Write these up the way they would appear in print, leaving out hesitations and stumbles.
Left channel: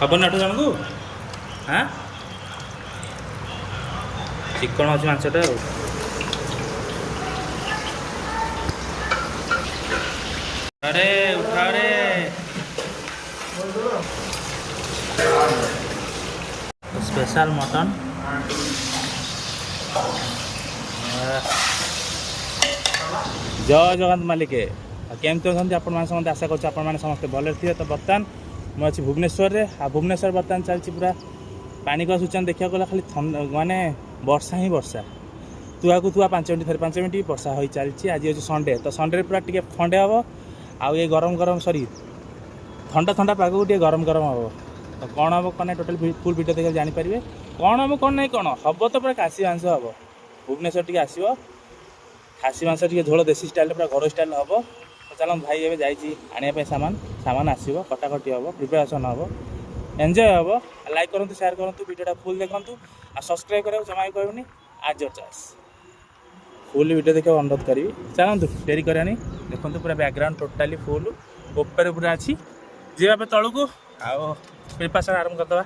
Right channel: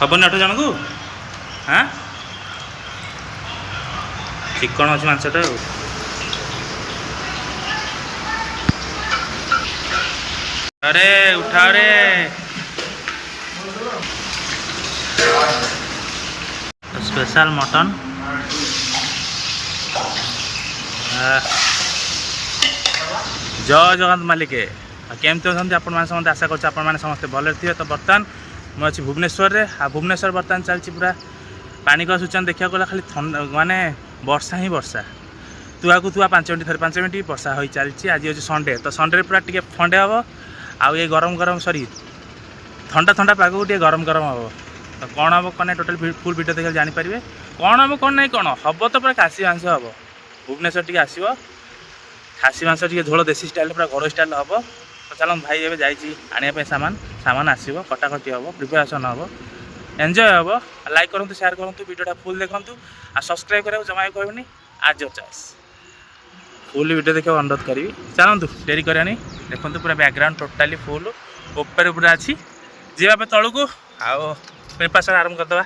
हबनी 8 जन को हाँ चिकन अच्छी मांसटा अरे उठा रे स्पेशल मटन जय जगन्नाथ मालिके केमती अच्छा आपण समस्त आशा कर समस्ते भले थे। तो बर्तमान मुझे भुवनेश्वर रे भुवनेश्वर बर्तमान चलती पूरा पाणीपाग सूचना देखा गला खाली माने वर्षा ही वर्षा तुआ को तुआ 5 मिनट 5 मिनट वर्षा हो चलती। आज हूँ संडे तो संडे पूरा टे ठंडे हम आउ ये गरम गरम सॉरी ठंडा ठंडा पाग को गरम गरम हम तो कौन हम कौन टोटाल फुल वीडियो देखा जानीपारे कौन हम कौन नहीं कौन हम तो पूरा खासी मांस हम भुवनेश्वर टी आसो खासी मांस टी झोल देसी स्टाइल पूरा घर स्टाइल हम तो चलो भाई एवं जाने सामान सामान आसो कटाकटी हम प्रिपेरेसन हम एंजॉय हम लाइक करूँ शेयर करूँ वीडियोटा फुल देखूँ आ सब्सक्राइब करा जमा कहनी आज योर चॉइस फुल वीडियो देखा अनुरोध करी चलतु डेरी करानी देखो पूरा बैकग्राउंड टोटाली फुल ऊपर पूरा अच्छी जीवा तलू को आओ प्रिपेरेसन आरंभ करदे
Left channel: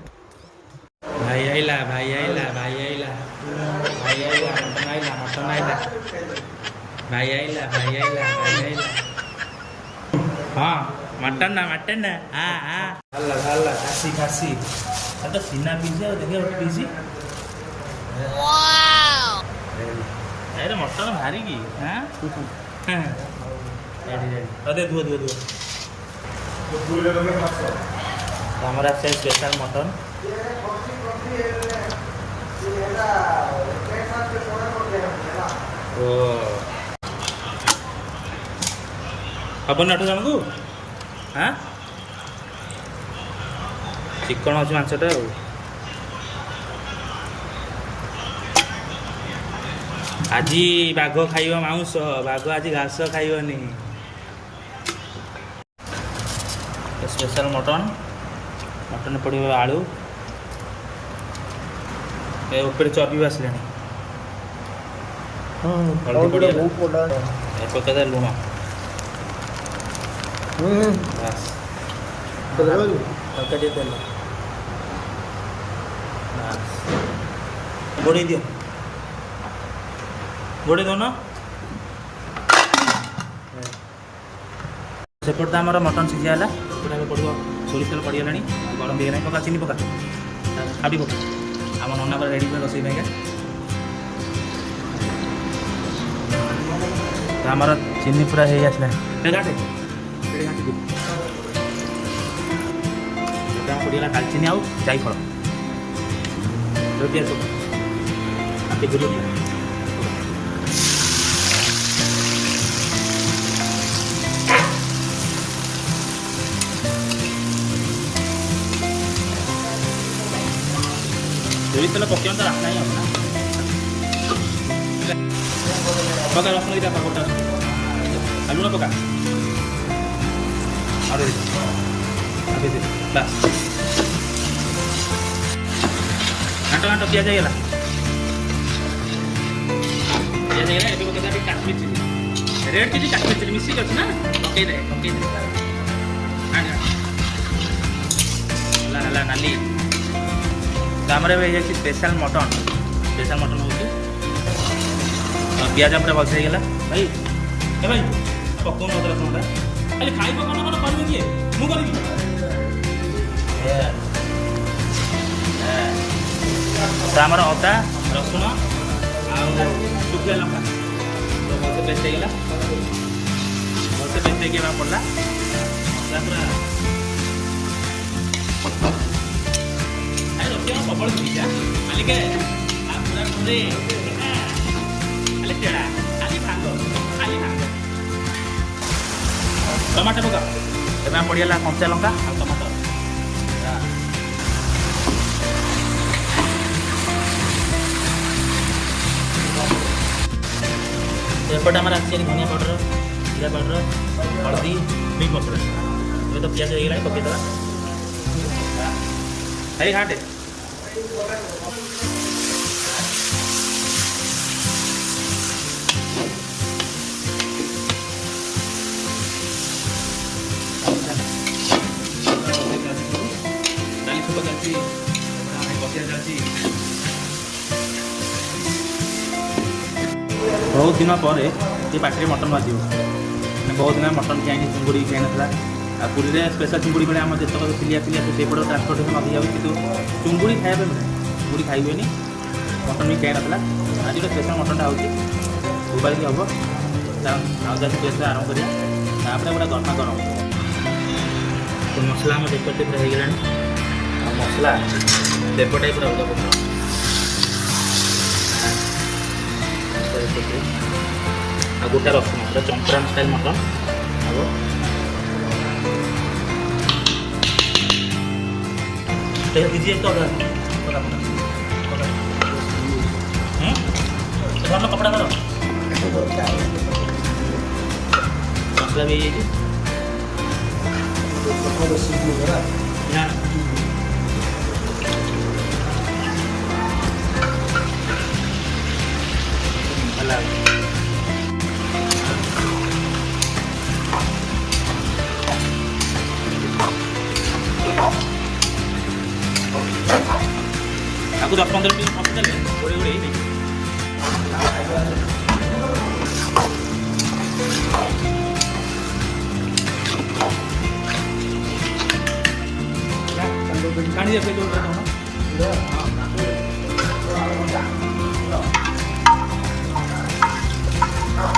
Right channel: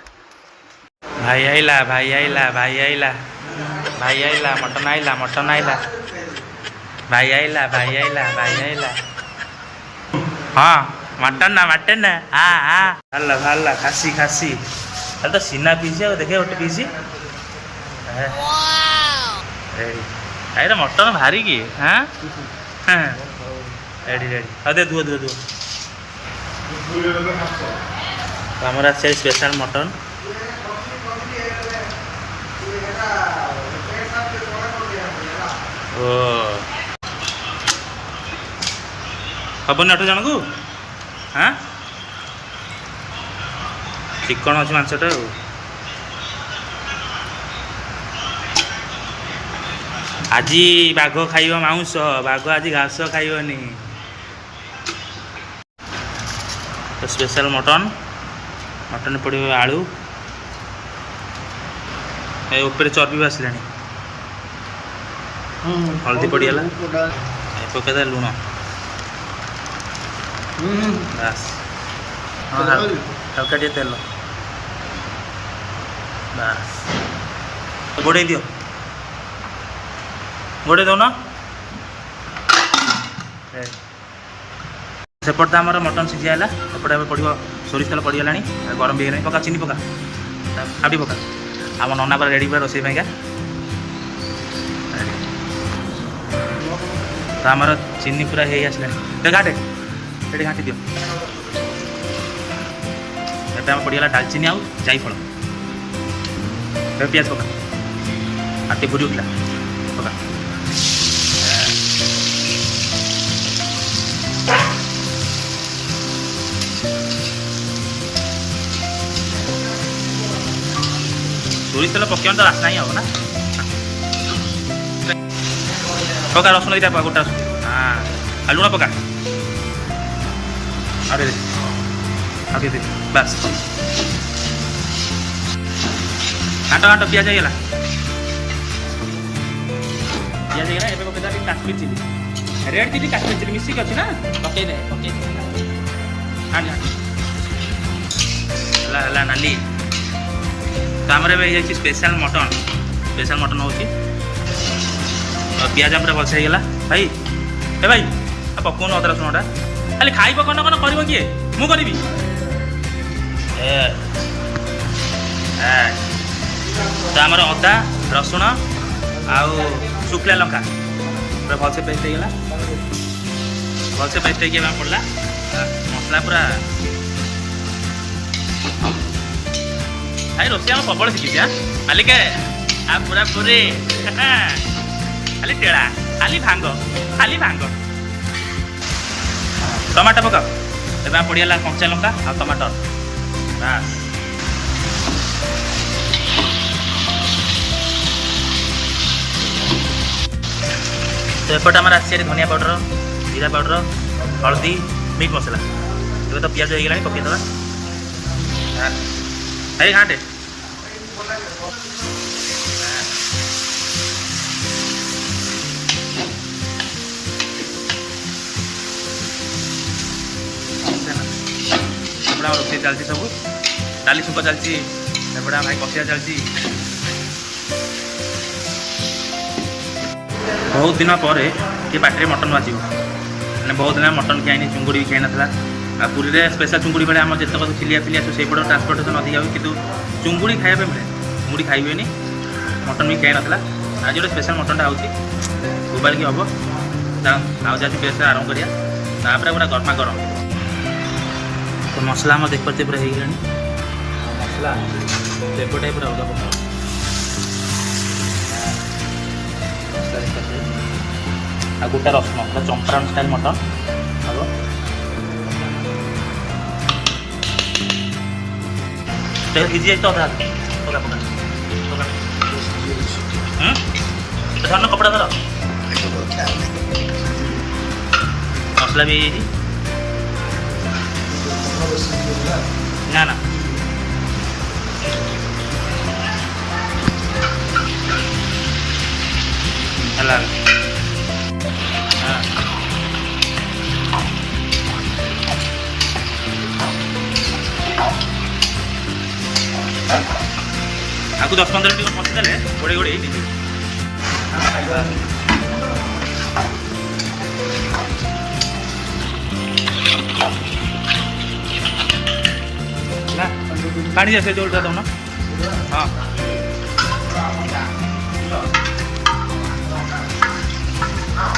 भाई आइला भाई आइला भाई आइला भाई आइला मटन आइला भाई आइला भाई आइला भाई आइला हाँ मटन ना हाँ हाँ भाला भाला खासी खासी तो सीना पीसी देखे गोटे पीसी रेडी मटन भारी की हाँ हाँ रेडी रेडी हाँ दे दुआ दुआ दुआ आमर आस स्पेशल मटन ओ हबनी 8 जन को हाँ चिकन अच्छी मांसटा आज बाघ खाइब मांस बाघ आज घास खाइबनी तो स्पेशल मटन मटन पड़े आलू ऊपर चर्बी आसला हल्दी पड़गला पकईदे लुण बस हल्का तेल बस गोड़े दियो गोड़े दौन सेपट आम मटन सीझाला एपटे पड़ो सोरिष तेल पड़गला गरम भी है पका चीनी पका हाबी पका आम नना पूरा रेडी पूरा रोसे पाइका तो आमर चीनी पूरा हो आसला घाटे ये घाटी दियो आम पड़गला डालचीनी आउ जायफल पियाज पका आटे घूरी उठला पका सोरिष तेल पकड़ तो आसना ही हम ना पका रसुण दीटा पका गोटा हाँ लुण पका अरे दे बस घाट घाट पिज होगा Kashmir chilli red chilli Kashmir chilli मिसिक अच्छी ना पकईदे है नाली तो आमर स्पेशल मटन हो पिज पूरा भलसे होगा भाई ए भाई पकाउन अदा रसुणटा खाली खाई कौन कौन कर किए मु करी तो आमर अदा रसुण आउ शुखला लंका पूरा भलसे पेस्ट होगा भलसे पेस्ट होगी पड़ा मसला पूरा भाई रोषे आम प्रबल शिखी मालिके आ पूरा पूरी खाली टेड़ा खाली भांग टमाटर पकाओ तेज पड़गला कंचा लंका आ टमाटर बस तो एपटे आम आस धनिया पाउडर जीरा पाउडर हल्दी मीट मसला ए तो पिज होगा पकईदे भाई घाटे रोषे चलती सब डाली छुक चलती एपटे भाई कषिया चलती बहुत दिन पर ये पार्टी मटन बाजिब मैंने बहुत दिन मटन खाई चुंगुड़ी भी खाई ना आ पुरी में स्पेशल चुंगुड़ी मिले आम जितक फिलिया फिलिया से ट्रांसपोर्टेशन अधिक हुए कि चुंगुड़ी खाया मिले चुंगुड़ी खाई हुए मटन भी खाई ना आज गोटे स्पेशल मटनटा होबाल की हम आज बेस आरम्भ करा पूरा गरमा गरम तो मसला आम देख पारे पूरा हो गला मसला फ्लेवरटा पूरा अलग प्रकार आ गोटा रसुण पूरा चंपराम स्टाइल मटन हम भिजी तो अधा धरन कपड़ा धर मसला भी ना ना आपको 10-15 मिनट पशिदेले गोड़े गोड़े पानी जैसे जोड़ता तुम हाँ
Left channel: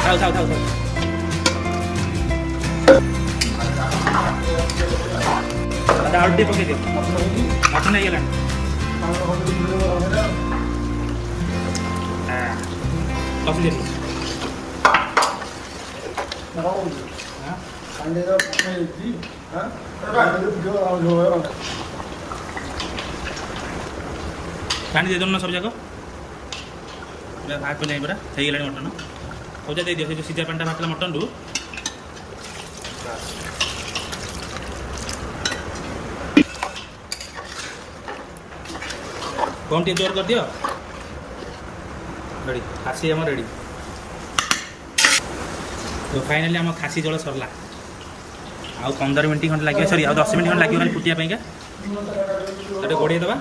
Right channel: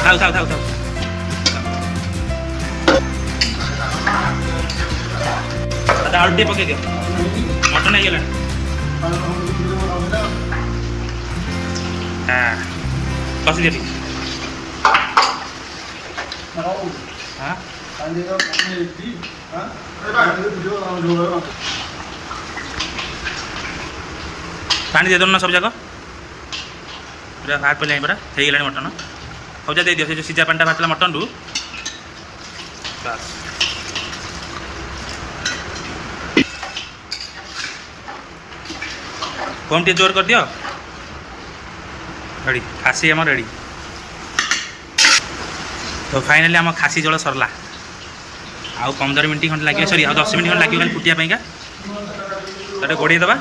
थाउ थाउ थाउ थाउ दादा आलू पकई दियो मटन हो गला कसी देती हाँ पानी दे दो ना सब जाक पूरा बाहर पड़े पूरा हो गला मटन सब जा दे दियो से जो सीजा पानी बाहर मटन रू कौन टे जोर कर दियो रेडी खासी आम रेडी तो फाइनाली आम खासी जल सरला आउ 15 मिनट खंड लगे सॉरी आउ 10 मिनट खंड लगे खाली फुटिया पाइंका तो गोड़े दबा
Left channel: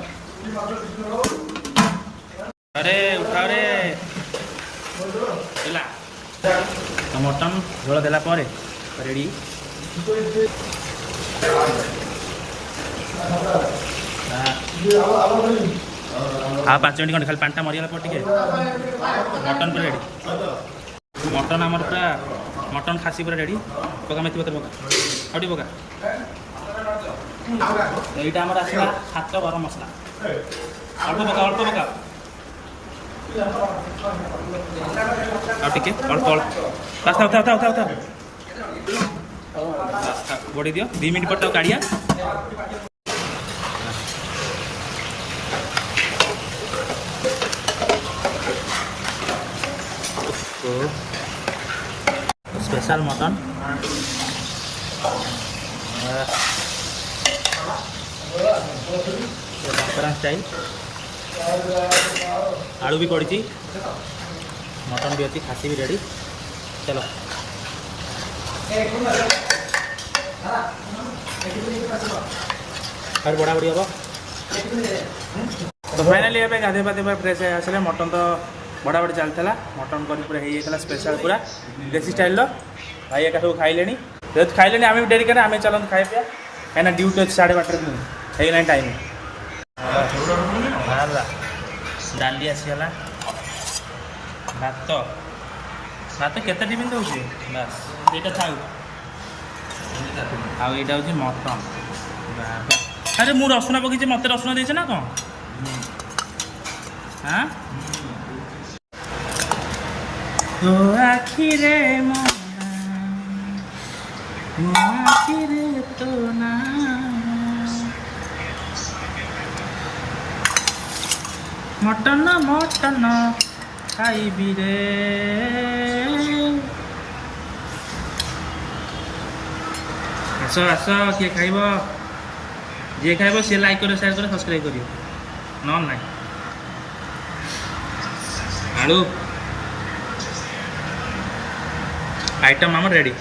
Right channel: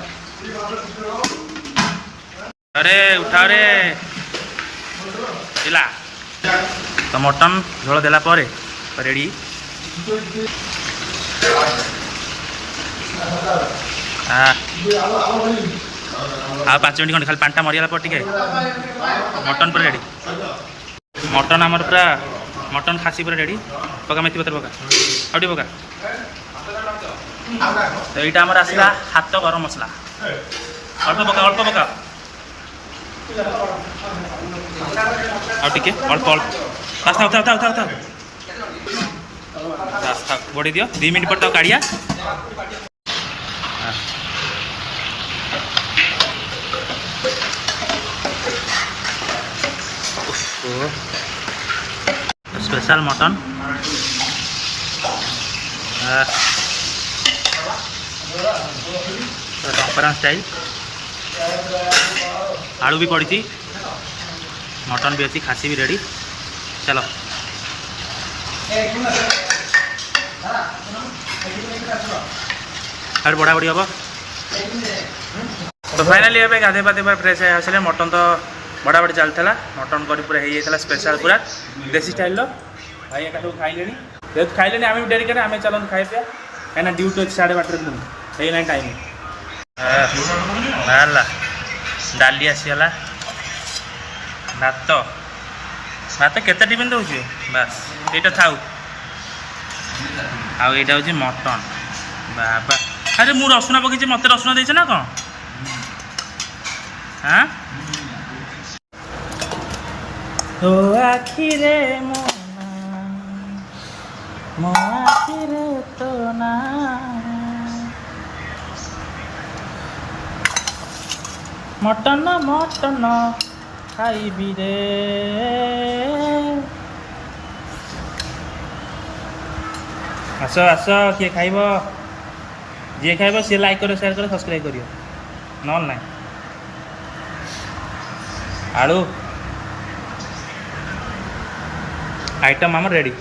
अरे उठा रे पिला तो मटन झोल देला पर रेडी हाँ 5 मिनट खंड खाली पानी मरीगला पर टे मटन पूरा रेडी मटन आमर पूरा मटन खासी पूरा रेडी पका मेथी पत्र पका आउटी पका तो यहाँ आमर आसला हाथ गरम मसला अल्प पका आउ टे अल्प अल्प बस था बस था बढ़ी दियो 2 मिनट पर काढ़िया स्पेशल मटन टंपरा स्टाइल आलू भी पड़ी मटन भी अच्छी खासी भी रेडी चलो अरे बड़ा बड़ी हम तो फाइनाली ए गाधे पाधे फ्रेश आसले मटन तो बड़ा बड़ी चलता मटन करी पूरा हो जाता स्पेशल पूरा देसी स्टाइल भाई एका सब खाइले जेहतु खाइले आम भी डेरी करें आम चलते खाई पिया कहीं ड्यूटी अच्छे 12:30 पुणी टाइम है डाली आसीगला भात भात केते टिफिन रोचे बस ये थाउ आउ यहाँ हूँ मटन बाबा अरे मु रसुण पकई मत रसुण देचे ना कौन हाँ तो आखिरे मो आखिरे तो ना मटन मटन खाइबी रे आस आस किए खाइब जी खाइब सी लाइक करो शेयर करो सब्सक्राइब करियो नल ना आलू आइटम आम रेडी।